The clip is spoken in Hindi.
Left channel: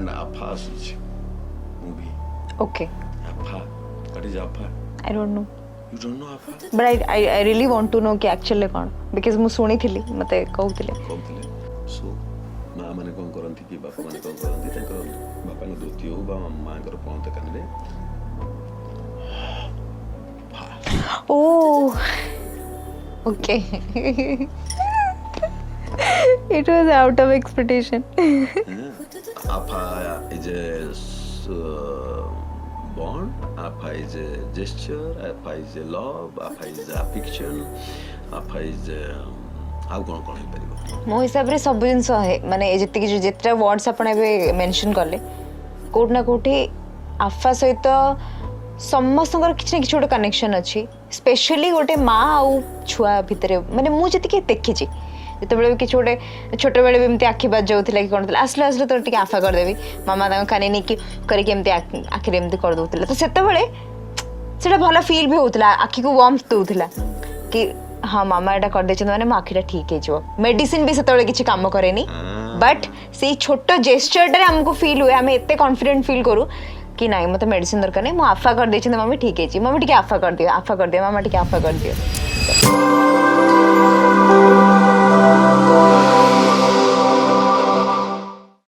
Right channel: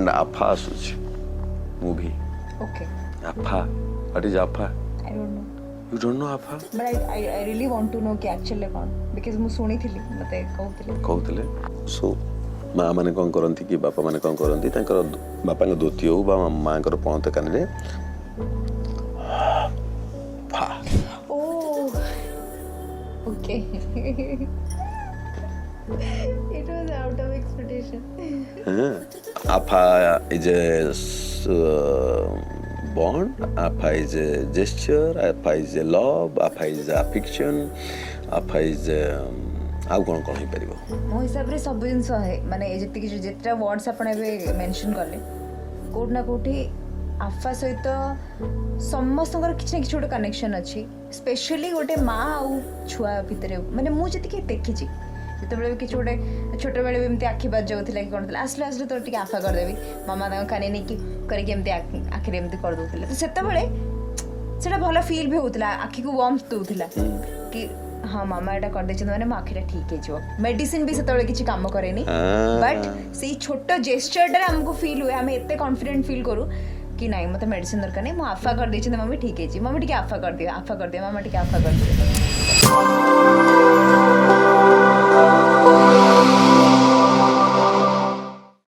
and AFA asuchi movie. Okay. AFA. What is AFA? I don't know. You don't know AFA? But I really want to know कि actually कौन because मैं सुनी थी मते कहूଥିଲେ. So माँ माने कौन करती कि बापा माने कौन करती तांकर बापा के धोती हो बा माँ कर पौंत कान Oh. Okay. It was out of expectation. AFA is a bond, AFA is a gesture, AFA is a love, AFA is a affection, AFA is आउ कौन कौन हो मो हिसाब रे सब जिंस है माने जति कि जेतरा वर्ड्स आपण एबे मेंशन करले कोट ना कोठी आफा सहित समस्तकर किछ ना किछ गोटे कनेक्शन अछि स्पेशली गोटे माँ आउ छुआ भितरे माने मु जति कि देखि छी जते बेले किछ गोटे छोट बेले बिमती आखि बाज जाउथिला कि कोन आसले आसले तो टिके आफा कर देबी मामा ता काने नि कि करी के एमती आखि एमती कर दोथिला तो सेते बेले सेटा भलो फील भी होउथिला आखि को वार्मथ दोथिला कि हाँ मामा एटा कर देछन माने आखिटा ठीक है जो मेडिसिन भी सेते बेले किछ काम करेनी बट से छोट जेस्चर रे हमको फील हुए हमें एते कॉन्फिडेंट फील करू कि नहीं मत मेडिसिन दरकार नहीं मु आफा कर देछन मम्मी ठीक है जी मम्मी टिके आफा कर दियो मामा टिके आफा कर दियो